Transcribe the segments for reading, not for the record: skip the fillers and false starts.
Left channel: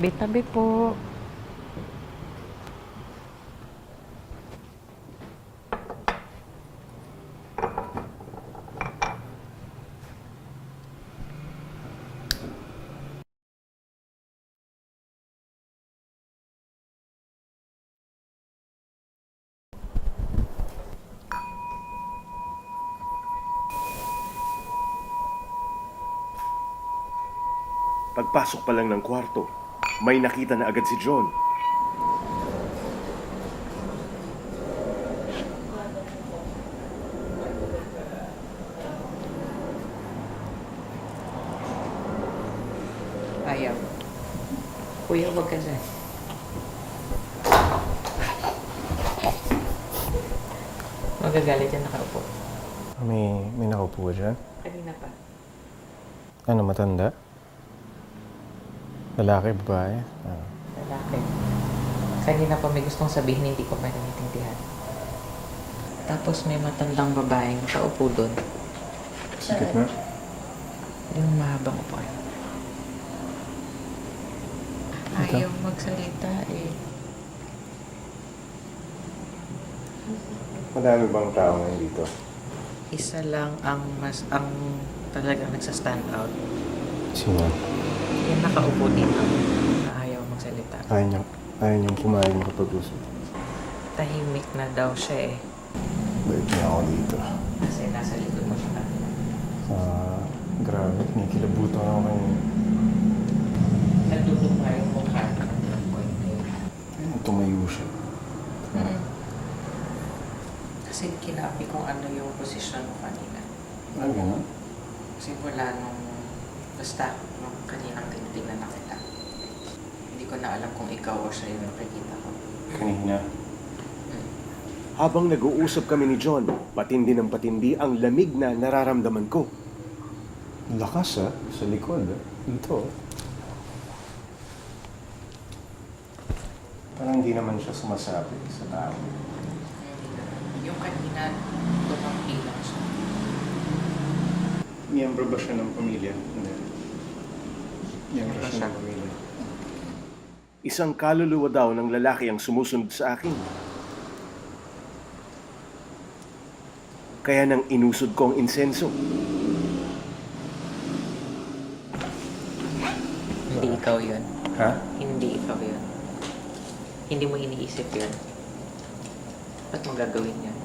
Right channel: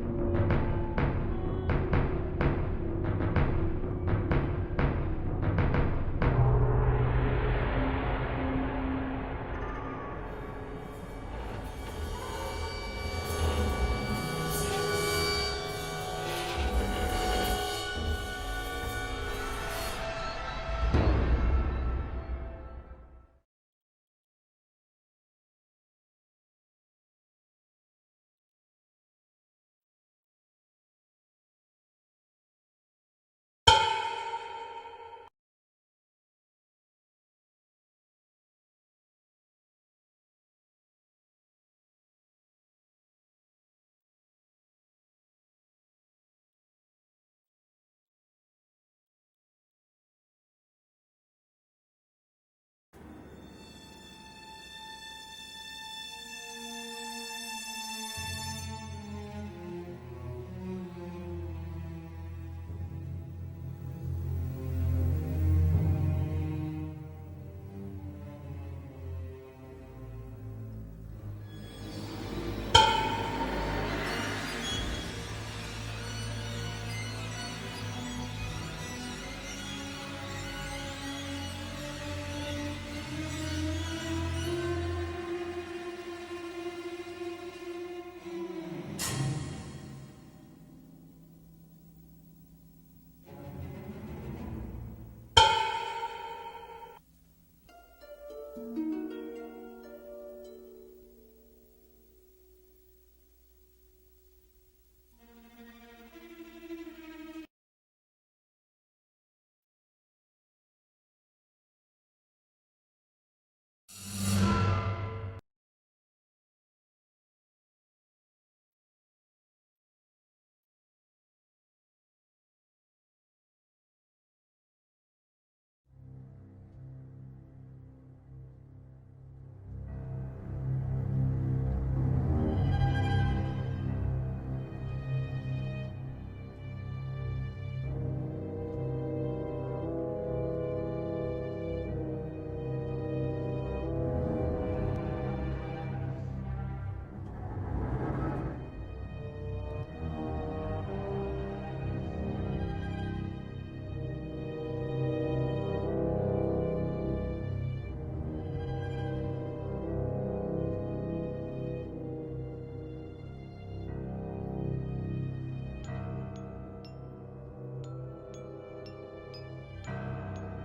Tabi-tabi po. Pagpasok pa lang ng kwarto, may nakita na agad si John. Ayaw. Kuya, wag ka dyan. Magagalit yan nakaupo. May nakaupo dyan? Kanina pa. Ano, matanda? Lalaki, babae? Lalaki. Kanina pa may gustong sabihin, hindi ko pa naiintindihan. Tapos may matandang babaeng nakaupo doon. Sikit na? Yung mahabang upuan. Ayaw magsalita eh. Madami bang tao ngayon dito? Isa lang ang talagang nagsa-stand out. Sino? Yung nakaupo din lang na ayaw magsalita. Ayaw niyang pumayag makapag-usap. Tahimik na daw siya eh. Bait niya ako dito. Kasi nasa likod mo siya kanina. Grabe, kinikilabutan ako kanina. Nandudong nga yung mukha ng konti. Tumayo siya. Kasi kinabi kung ano yung posisyon mo kanina. Ano? Simula nung kaninang tinitingnan na kita. Hindi ko na alam kung ikaw o siya yung nakikita ko. Kanina. Habang nag-uusap kami ni John, patindi ng patindi ang lamig na nararamdaman ko. Lakas sa likod. Ito. Parang hindi naman siya sumasabi sa tao. Yung kanina, tumanggi lang siya. Miyembro ba siya ng pamilya? Hindi. Miyembro siya ng pamilya. Isang kaluluwa daw ng lalaki ang sumusunod sa akin. Kaya nang inusod ko ang insenso. Hindi ikaw yun. Ha? Hindi ikaw yun. Hindi mo iniisip yun. Ba't mo gagawin yun?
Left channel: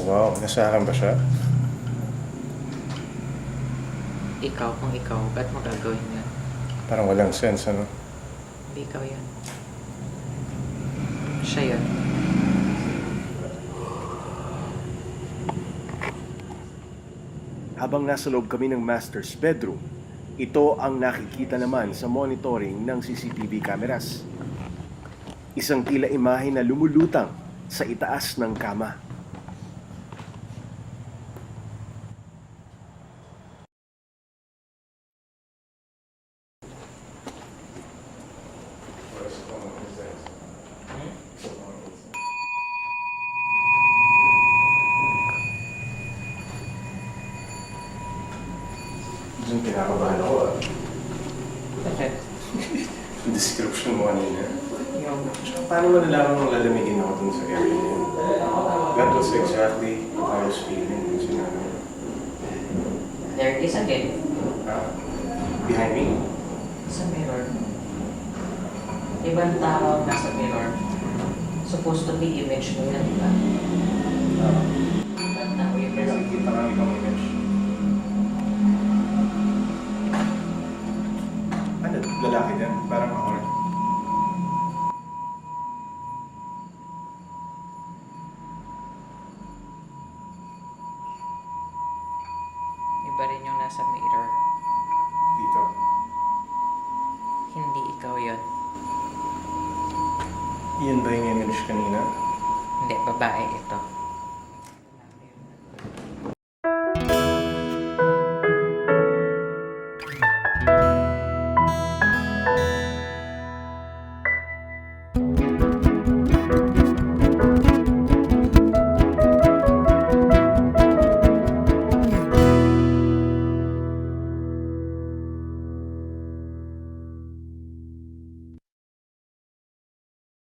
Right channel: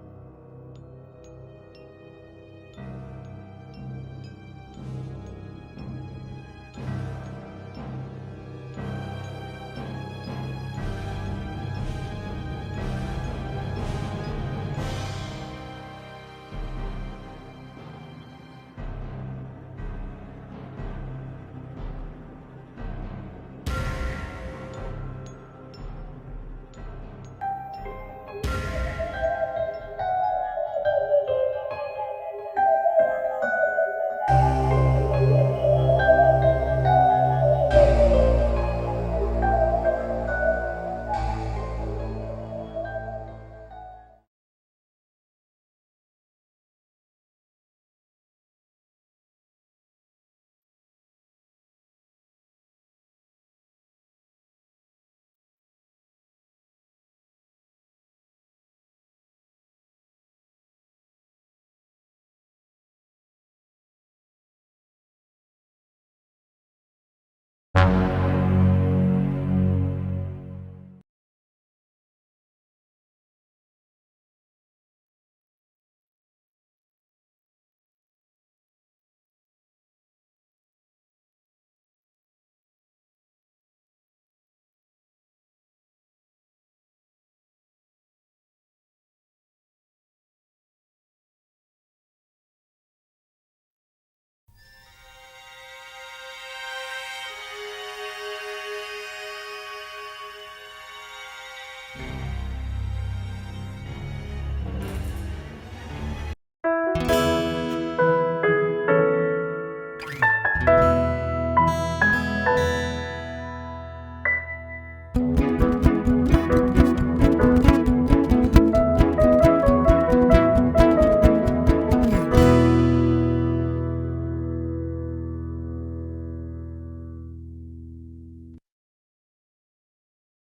Wow, nasa akin ba siya? Ikaw kung ikaw, ba't mo gagawin yun? Parang walang sense, ano? Hindi ikaw yun. Siya yun. Habang nasa loob kami ng master's bedroom, ito ang nakikita naman sa monitoring ng CCTV cameras. Isang tila imahe na lumulutang sa itaas ng kama. Diyan kinakabahan ako Bakit? Yung description mo kanina. Yung Paano mo nalaman mong lalamigin ako dun sa area niya? That was exactly what I was feeling yung sinabi mo. there is again, Behind me? sa mirror. Ibang tao nasa mirror. Supposed to be image mo yan, di ba? Ibang tao yung May nakikita kang ibang image. Ano? Lalaki din? Parang ako rin. Iba rin yung nasa mirror. Dito. Hindi ikaw yun. Yan ba yung image kanina? Hindi, babae.